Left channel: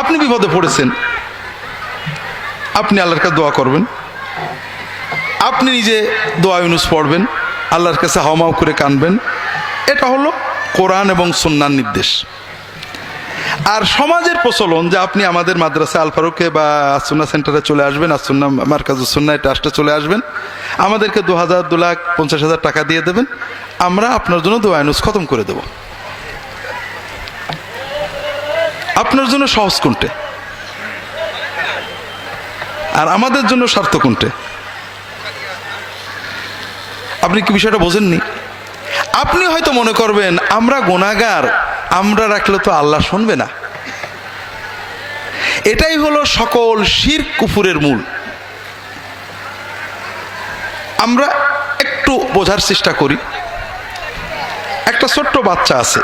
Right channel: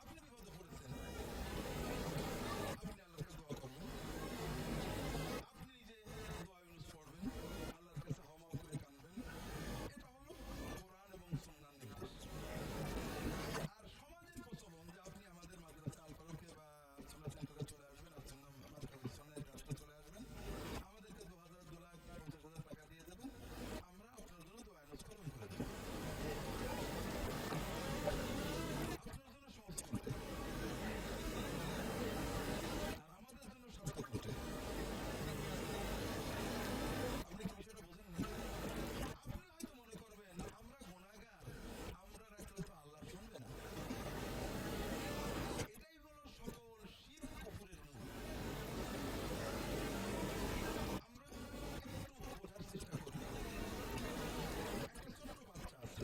আপনি বিপদে পড়েছেন, আপনি আল্লাহর কাছে দোয়া করবেন, আপনি নিজে দোয়া ইউনুস পড়বেন, আল্লাহর কাছে হাওমাও করে কানবেন। এটা হলো কোরআন এবং সুন্নাহর নির্দেশ। আর সমাজের প্রচলন যে আপনি আমাদের মাদ্রাসা আল ফারুকে বা আসুন্না সেন্টারে চলে আসবেন, আসুন্না মার্কাজুস সুন্নাহ ট্রাস্টে চলে আসবেন, আমাদেরকে 2,000, 2,50,000 টাকা দিয়ে দেবেন, আমরা আপনার জন্য দোয়া ইউনুস খতম করে দেব। আপনার জন্য সহজ কোনটে আর আমাদের জন্য স্বার্থ কোনটে? আপনি কি বিষয়টা বোঝেননি? আপনি হয়তো মনে করবেন আমরা গুনাহগার, আমরা রাখলে তো আল্লাহ শুনবে না। এটাই হলো সকল শিরক কুফুরের মূল। আমরা একটু বোঝার চেষ্টা করি। একটা ছোট্ট বাচ্চা আছে,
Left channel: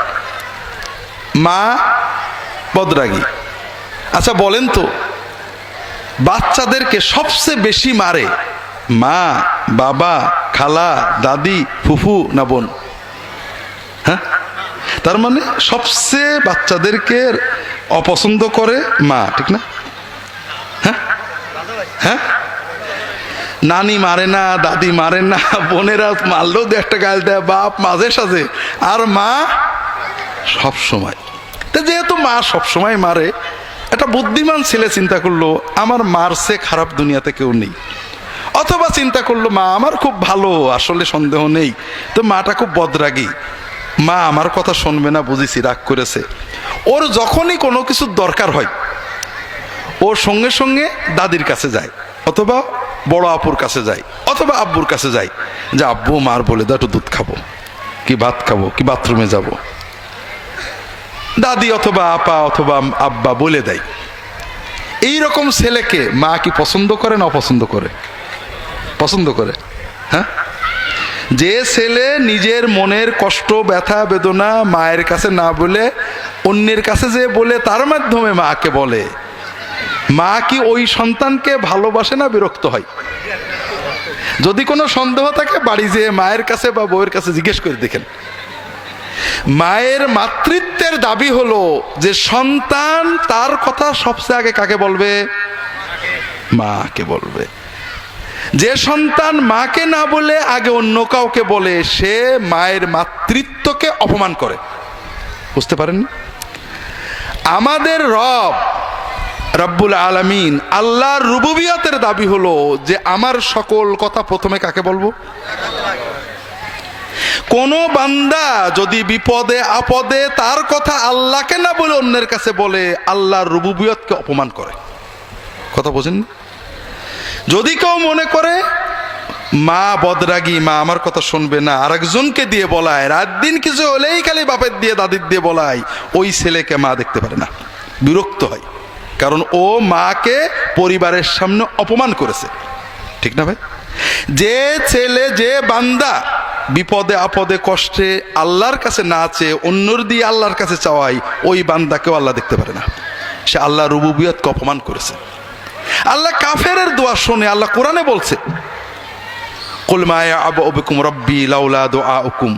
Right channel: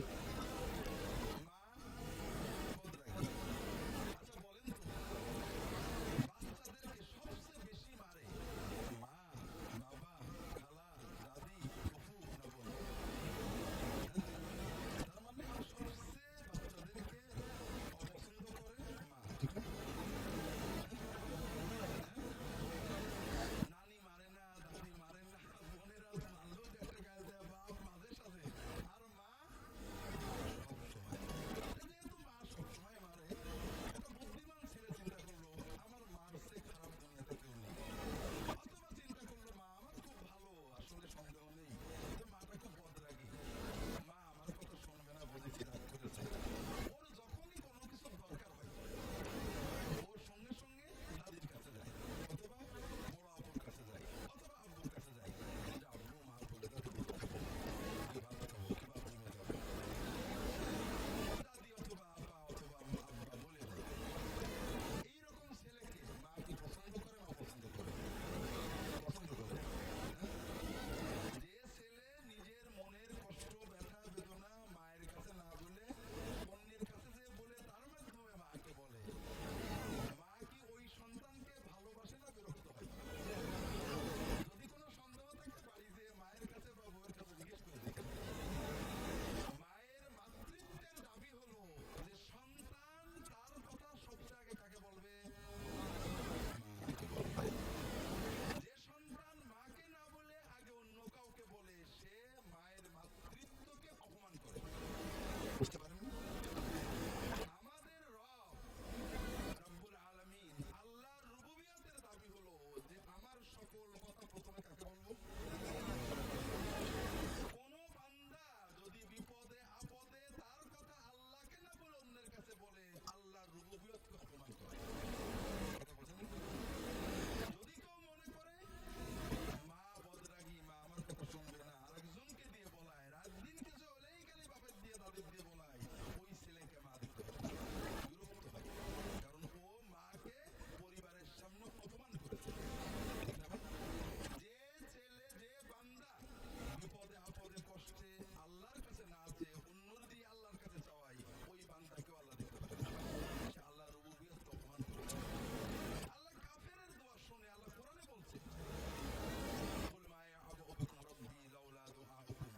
মা বদরাগী। আচ্ছা বলেন তো, বাচ্চাদেরকে সবচেয়ে বেশি মারে মা, বাবা, খালা, দাদি, ফুফু না বোন? হ্যাঁ, তার মানে সবচেয়ে বাচ্চাদেরকে অপছন্দ করে মা, ঠিক না? হ্যাঁ হ্যাঁ, নানি মারে না, দাদি মারে না, বোনেরা মারলেও দু একটা গাল দেয়, বাপ মাঝে সাঝে, আর মা সব সময়। তো যেহেতু মা সব সময় মারে, একটা বুদ্ধিমান ছেলে চিন্তা করলো আমার মার চেয়ে খারাপ দুনিয়াতে কেউ নেই। অথবা চিন্তা করলো মা আমার খুব ভালো, আসলে সন্দেহ নেই, তো মাটা খুব বদরাগী, মা আমার কথা শুনবে না, বুঝেছি রাগ করেছে। ওর যখনই কোনো কিছুর দরকার হয় ওর সঙ্গে সঙ্গে দাদির কাছে যায়, অথবা বড় আপুর কাছে যায়, অথবা আব্বুর কাছে যায়, যে আব্বু মার বলে দাও একটু দুধ খাবো, কি ভাত খাবো, কি বাথরুমে যাব। দাদি অথবা আপা অথবা আব্বা বলে দেয়। এই রকম ছেলেকে মা কি পছন্দ করে না অপছন্দ করে? পছন্দ করে। হ্যাঁ, যে ছেলে নিজের মনের কষ্ট, ব্যথা, বেদনা মায়ের কাছে না বলে অন্যের কাছে যে বলে, তার মাধ্যমে মাকে বলে, মা কি ওই সন্তানকে ভালোবাসে না বিরক্ত হয়? যদি কোনো সন্দেহ থাকে বাড়ি যেয়ে মায়ের কাছে বা বউয়ের কাছে জিজ্ঞেস করে দেখেন। মায়ের মাতৃত্বের দাবি হলো যে সন্তান তার কথা সবচেয়ে আগে কাকে বলবে? মাকে বলবে। যে সন্তান মাকে না বলে আগে অন্য কাউকে বলে, সে মায়ের মাতৃত্বকে অপমান করে। বুঝতে পারেন? আমাদের রব রব্বুল আলামিন, আল্লাহর রুবুবিয়তের দাবি হলো যে আমার সকল কথা প্রথমে কাকে বলবো? কোন বান্দা যদি বিপদে আপদে তার কথা আল্লাহকে না বলে অন্যের কাছে বলে, আল্লাহর রুবুবিয়তকে অপমান করে। কথা বোঝেন? যদি কেউ মনে করে মা বদরাগী, মা আমার কথা শুনবে না, আরেকজনকে দিয়ে বলায়, রাত দিন কিছু হলেই খালি বাপের দিয়ে দাদির দিয়ে বলায়, ওই ছেলেকে মা দেখতে পারে না, বিরক্ত হয়। কারণ ও মাকে পরিবারের সামনে অপমান করেছে। ঠিক না ভাই? যে ছেলে, যে বান্দা বিপদে আপদে কষ্টে আল্লাহর কাছে না চেয়ে অন্যর দিয়ে আল্লাহর কাছে চাওয়াই, ওই বান্দাকেও আল্লাহ দেখতে পারে না। সে আল্লাহ রুবুবিয়তকে অপমান করেছে। আল্লাহ কাফেরের দোয়া শোনে। আল্লাহ কোরআনে বলছে, কুল মা ইয়া'বু বিকুম রাব্বি লাউলা দুআউকুম।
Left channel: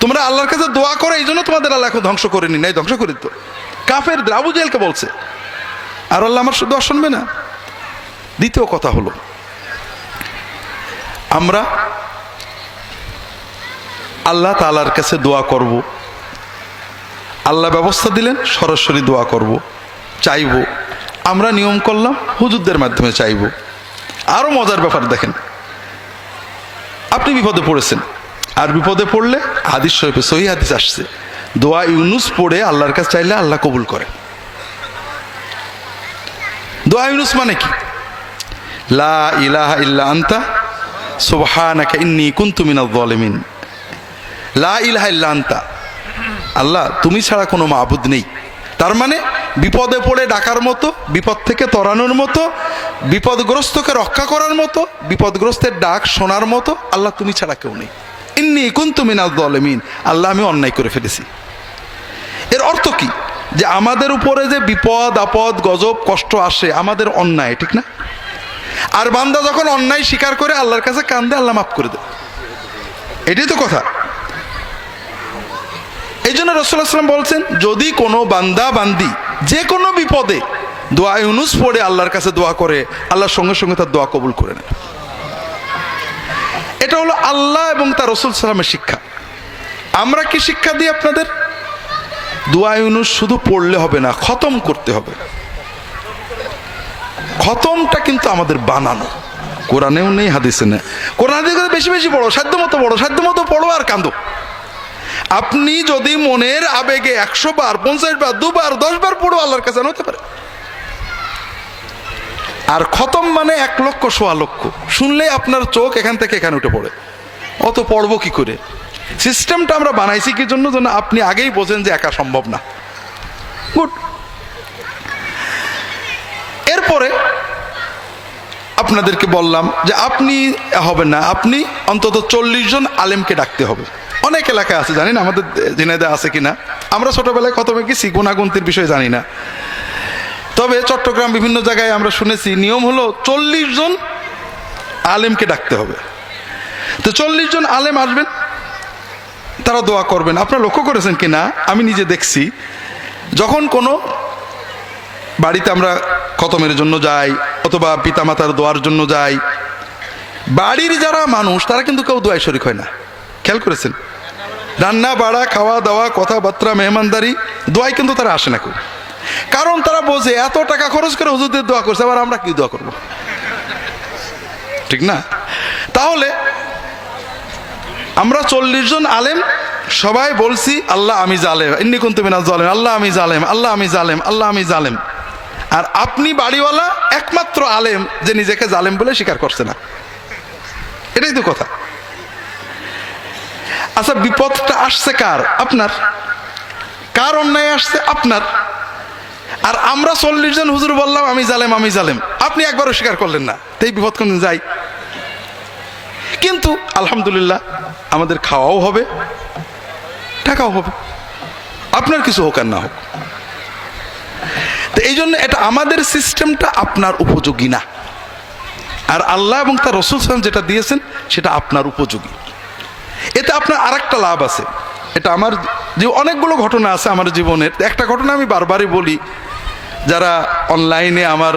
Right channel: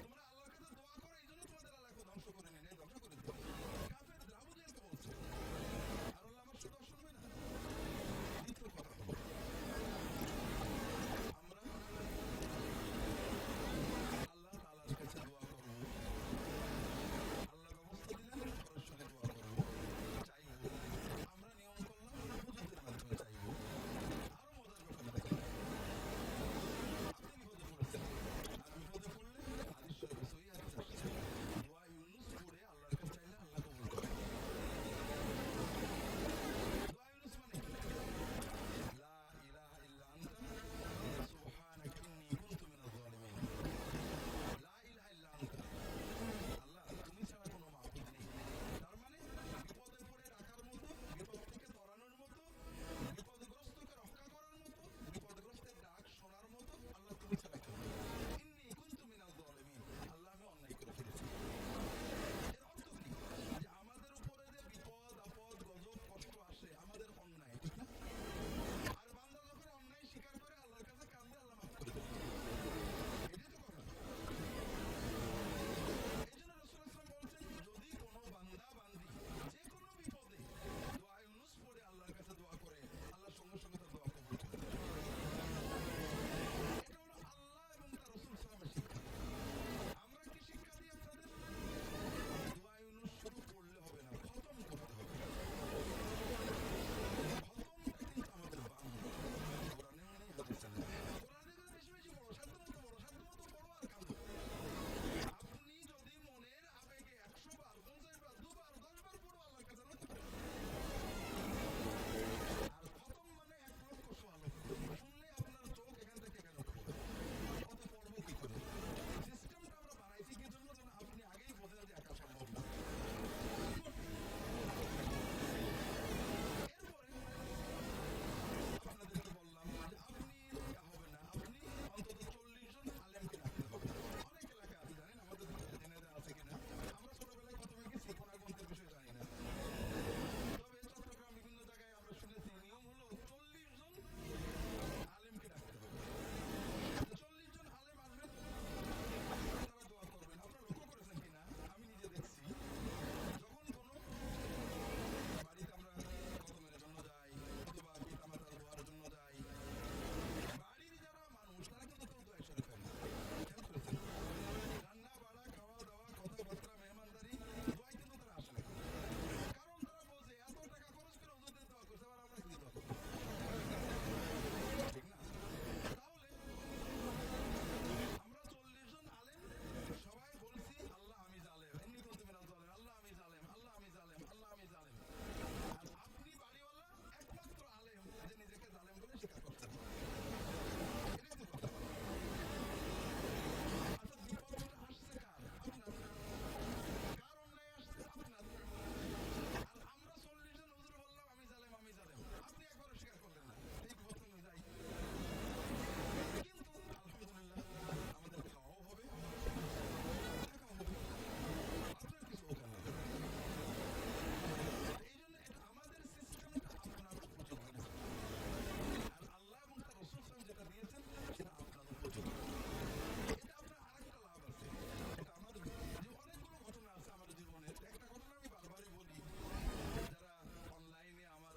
তোমরা আল্লাহর কাছে দোয়া করো, এই জন্য তোমাদের আল্লাহ এখন ধ্বংস করেনি, নাই ধ্বংস করে দিত। কাফেরদের, আবু জেহেলকে বলছে। আর আল্লাহ আমার দোয়া শুনবে না? দ্বিতীয় কথা হলো, আমরা আল্লাহ তাআলার কাছে দোয়া করব, আল্লাহ ব্যবস্থা দিলেন সরাসরি দোয়া করব, চাইব। আমরা নিয়ম করলাম হুজুরদের মাধ্যমে চাইব। আরো মজার ব্যাপার দেখেন, আপনি বিপদে পড়েছেন, আর বিপদে পড়লে হাদিস শরীফে সহিহ হাদিস আসছে, দোয়া ইউনুস পড়ে আল্লাহর কাছে চাইলে আল্লাহ কবুল করে। দোয়া ইউনুস মানে কি? লা ইলাহা ইল্লা আনতা সুবহানাকা ইন্নী কুনতু মিনাজ জালিমিন। লা ইলাহা ইল্লা আনতা, আল্লাহ তুমি ছাড়া কোনো মাবুদ নেই। তার মানে বিপদে পড়ে ডাকার মতো, বিপদ থেকে তরানোর মতো, বিপদগ্রস্তকে রক্ষা করার মতো, বিপদগ্রস্তের ডাক শোনার মতো আল্লাহ তুমি ছাড়া কেউ নেই। ইন্নী কুনতু মিনাজ জালিমিন, আল্লাহ আমি অন্যায় করে ফেলেছি। এর অর্থ কি? যে আমাদের উপরে যে বিপদ আপদ গজব কষ্ট আসে আমাদের অন্যায়, ঠিক না? আর বান্দা যখন অন্যায় স্বীকার করে আল্লাহর কাছে কান্দে, আল্লাহ মাফ করে দেয়। এটাই তো কথা। এই জন্য রাসূলুল্লাহ সাল্লাল্লাহু আলাইহি ওয়াসাল্লাম বলছেন, যদি কোনো বান্দা বান্দি যে কোনো বিপদে দোয়া ইউনুস পড়ে আল্লাহর কাছে দোয়া করে, আল্লাহর সঙ্গে সঙ্গে তার দোয়া কবুল করে নেয়। এটা হলো আল্লাহ এবং তার রাসূল সাল্লামের শিক্ষা। আমরা কি শিক্ষা দিই আপনাদের? দোয়া ইউনুস শুধু পড়লে হবে না, খতম করতে হবে। খতমটা কিন্তু আমাদের বানানো, কোরআনেও নেই, হাদিসে নেই। কোরআন বেশি বেশি পড়ো, সাধ্য মতো পড়ো আর কাঁদো। আপনি যদি মনের আবেগে 100 বার, 50 বার, 2 বার, 10 বার পড়ো, আল্লাহর কাছে হতে পারে। আর খতম মানে 1 লক্ষ, 1.25 লক্ষ। শুনলে আপনার চোখ এখান থেকে এখানে উঠে পড়ে, অত পড়বো কি করে? সিস্টেমটা আমরা বানাইছি কি জন্য? যেন আপনি আগেই বোঝেন যে একা সম্ভব না। গুড। এরপরে আপনাদেরকে বললাম যে আপনি হবেন না, আপনি অন্তত 40 জন আলেমকে ডাকতে হবে। অনেক এলাকায় আছে, জানি না আমাদের ঝিনাইদহে আছে কিনা। আমরা ছোটবেলায় খতমে গেছি, গুণাগুন্তির বিষয়ে জানি না। তবে চট্টগ্রাম বিভিন্ন জায়গায় আমরা শুনেছি নিয়ম হলো 40 জন আলেমকে ডাকতে হবে। তো 40 জন আলেম আসবেন, তারা দোয়া করবেন। আপনারা লক্ষ্য করেছেন কিনা, আমি নিজে দেখছি, যখন কোনো বাড়িতে আমরা খতমের জন্য যাই অথবা পিতামাতার দোয়ার জন্য যাই, বাড়ির যারা মানুষ তারা কিন্তু কেউ দোয়ায় শরীক হয় না। খেয়াল করেছেন? রান্না বাড়া, খাওয়া দাওয়া, কথাবার্তা, মেহমানদারি, দোয়ায় কিন্তু তারা আসে না কেউ। কারণ তারা বোঝে এত টাকা খরচ করে হুজুরদের দোয়া করছে, আবার আমরা কি দোয়া করব? ঠিক না? তাহলে আমরা 40 জন আলেম সবাই বলছি আল্লাহ আমি জালেম, ইন্নী কুনতু মিনাজ জালিমিন, আল্লাহ আমি জালেম, আল্লাহ আমি জালেম, আল্লাহ আমি জালেম। আর আপনি বাড়িওয়ালা একমাত্র আলেম যে নিজেকে জালেম বলে স্বীকার করছে না। এটাই তো কথা। আচ্ছা, বিপদটা আসছে কার? আপনার। কার অন্যায় আসছে? আপনার। আর আমরা 40 জন হুজুর বললাম আমি জালেম, আমি জালেম, আপনি একবারও স্বীকার করলেন না। তাই বিপদ কোন যাই। কিন্তু আলহামদুলিল্লাহ আমাদের খাওয়াও হবে, টাকাও হবে, আপনার কিছু হোক আর না হোক। তো এই জন্য এটা আমাদের সিস্টেমটা আপনার উপযোগী না। আর আল্লাহ এবং তার রাসূল সাল্লাল্লাহু আলাইহি ওয়াসাল্লাম যেটা দিয়েছেন সেটা আপনার উপযোগী। এতে আপনার আরেকটা লাভ আছে। এটা আমার যে অনেকগুলো ঘটনা আছে আমার জীবনের। একটা ঘটনা আমি বারবারই বলি, যারা অনলাইনে আমার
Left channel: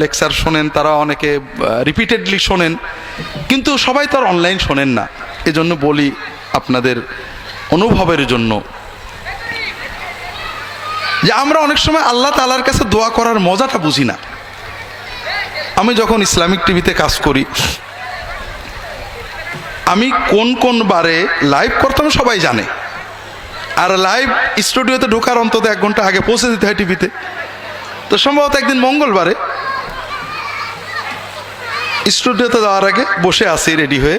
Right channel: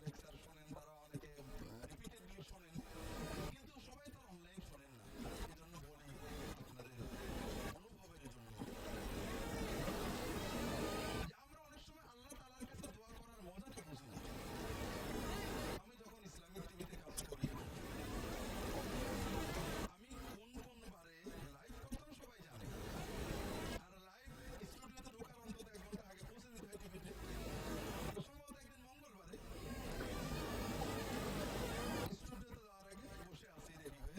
লেকচার শোনেন তারা অনেকে রিপিটেডলি শোনেন, কিন্তু সবাই তো আর অনলাইন শোনেন না। এজন্য বলি আপনাদের অনুভবের জন্য, যে আমরা অনেক সময় আল্লাহ তাআলার কাছে দোয়া করার মজাটা বুঝি না। আমি যখন ইসলামিক টিভিতে কাজ করি, আমি কোন কোন বারে লাইভ করতাম সবাই জানে। আর লাইভ স্টুডিওতে ঢোকার অন্তত 1 ঘন্টা আগে পৌঁছে দিতে হয় টিভিতে। তো সম্ভবত একদিন মঙ্গলবারে স্টুডিওতে যাওয়ার আগে বসে আছি রেডি হয়ে,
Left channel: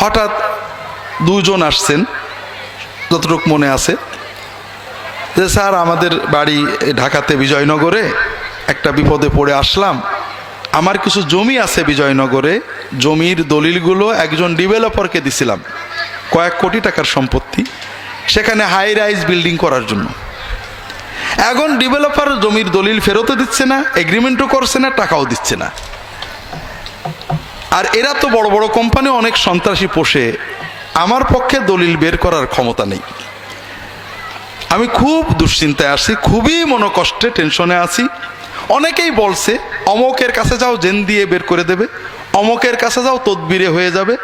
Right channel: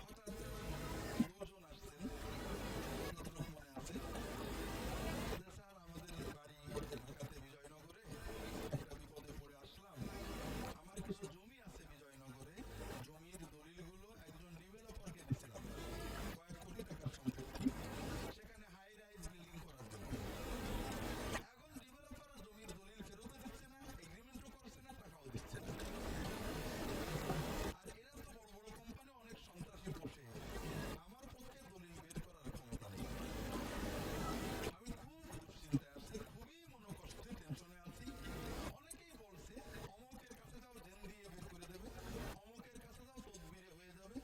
হঠাৎ 2 জন আসছেন, যতটুকু মনে আছে, যে স্যার আমাদের বাড়ি ঢাকাতে বিজয়নগরে, একটা বিপদে পড়ে আসলাম, আমার কিছু জমি আছে বিজয়নগরে, জমির দলিলগুলো একজন ডেভেলপারকে দিছিলাম, কয়েক কোটি টাকার সম্পত্তি, সেখানে হাই রাইজ বিল্ডিং করার জন্য। এখন ডেভেলপার জমির দলিল ফেরতও দিচ্ছে না, এগ্রিমেন্টও করছে না, টাকাও দিচ্ছে না। আর এরা তো বড় বড় কোম্পানি অনেক সন্ত্রাসী পোষে, আমার পক্ষে দলিল বের করার ক্ষমতা নেই। আমি খুব দুশ্চিন্তায় আছি, খুবই মনোকষ্টে, টেনশনে আছি। অনেকেই বলছে অমকের কাছে যাও, জেন দিয়ে বের করে দেবে, অমকের কাছে যাও, তদবিরে হয়ে যাবে।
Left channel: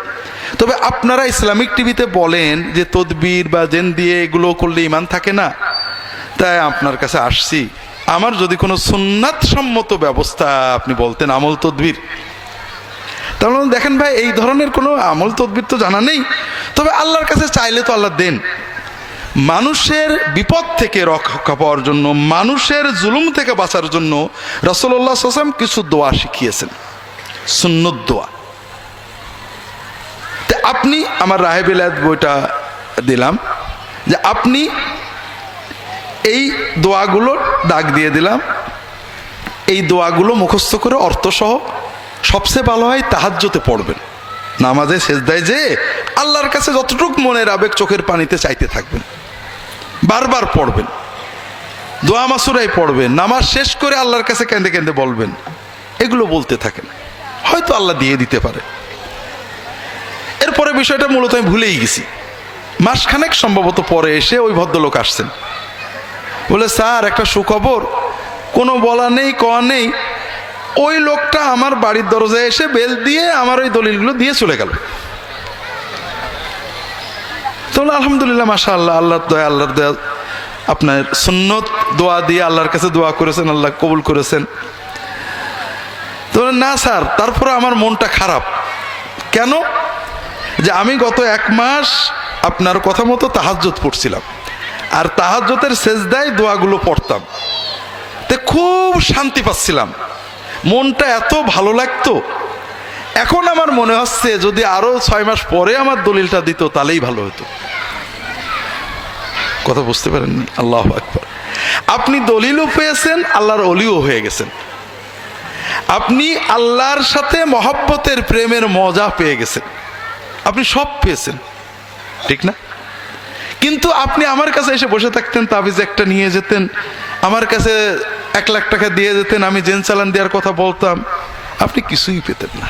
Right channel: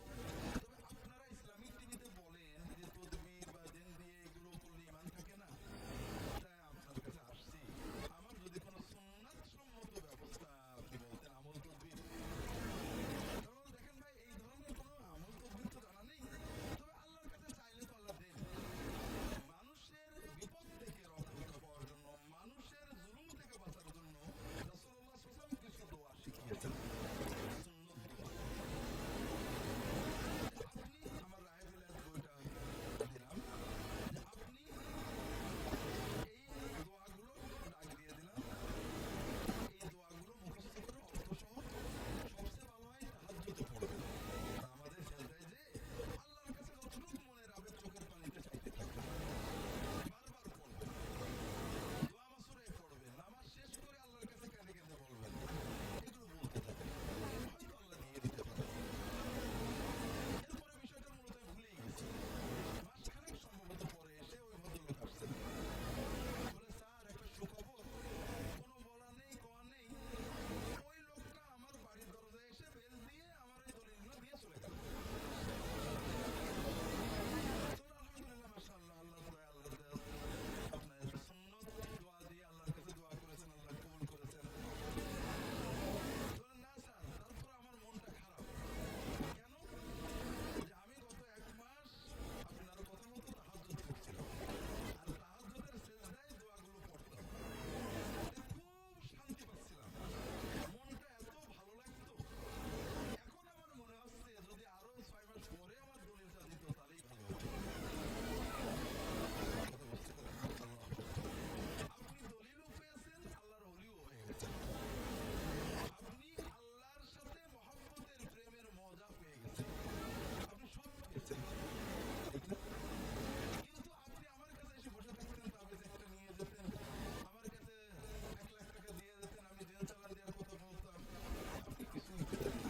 তবে আপনারা ইসলামিক টিভিতে বলেন যে তদবির বা জেন দিয়ে এগুলো করলে ঈমান থাকে না, তাই আপনার কাছে আসছি। আমার যদি কোনো সুন্নাত সম্মত ব্যবস্থা আপনি বলতেন, আমল তদবির, তাহলে দেখেন ভাই এই ধরনের কোনো আমল তদবির তো জানা নেই। তবে আল্লাহর কাছে চাইলে তো আল্লাহ দেন। মানুষের বিপদ থেকে রক্ষা পাওয়ার জন্য, মানুষের জুলুম থেকে বাঁচার জন্য রাসূলুল্লাহ সাল্লাল্লাহু আলাইহি ওয়াসাল্লাম কিছু দোয়া শিখিয়েছেন, সুন্নত দোয়া। তো আপনি আমার রাহে বিলায়াত বইটা দিলাম, যে আপনি এই দোয়াগুলো দাগ দিয়ে দিলাম, এই দোয়াগুলো মুখস্থ করে অর্থসহ, সবচেয়ে ভালো হয় তাহাজ্জুদে পড়বেন, নামাজে সেজদায় যে আল্লাহর কাছে যতটুকু মনের আবেগ চোখের পানিতে চাইতে থাকবেন, বারবার পড়বেন, দোয়া মাসুরাই পড়বেন, নামাজ শেষ করে আল্লাহর কাছে কেঁদে কেঁদে বলবেন, এগুলো বলতে থাকেন, হয়তো আল্লাহ দিয়ে দিতে পারে। এরপরে বিষয়টা মূলত আমি ভুলেই গেছি। মাসখানেক সম্ভবত পরে এসে ওই ভদ্রলোক আসছেন, বলে স্যার একটা সুখবর, কোনো বলা নেই কওয়া নেই, ওই লোকটা আমার বাড়ির দরজায় এসে বেল দিয়ে আমার ওই দলিলগুলো দিয়ে চলে গেল। তো আলহামদুলিল্লাহ, মাশাআল্লাহ, আল্লাহর দয়া, আল্লাহর দয়া। আপনার সুন্নত দোয়া দিয়ে আল্লাহর কাছে দোয়া করেছেন, আল্লাহ কবুল করেছেন। তো না স্যার, তারপরে আমার মনটা খারাপ। কেন? যে আমি গত 1 মাস আপনার কথা মতো তাহাজ্জুদ পড়ছিলাম, আর তাহাজ্জুদের সেজদায় দোয়াগুলো পড়তাম, তে খুব শান্তি পাচ্ছিলাম, মনটা এত ভালো লাগতো। এখন আমার মনে হচ্ছে যদি আরো 6 মাস পরে আমার দলিলটা দিত তাহলেই ভালো হতো। কথা বুঝতে পারেননি? আল্লাহু আকবার। আপনি দলিলও পেয়েছেন, আল্লাহর ওলিও হয়ে গেছেন। আপনি আল্লাহর সাথে মহব্বতের প্রেমের মজা পেয়ে গেছেন, আপনি সব পেয়েছেন, ঠিক না? কিন্তু আপনি আমার কাছে এসে বসে থাকতেন, তাবিজ একটা নিয়ে যেতেন, আমার কাছে 1 লাখ টাকা দিয়ে যেতেন, আমি জেন চালান দেওয়ার কথা বলতাম, আপনি কিছুই পেতেন না।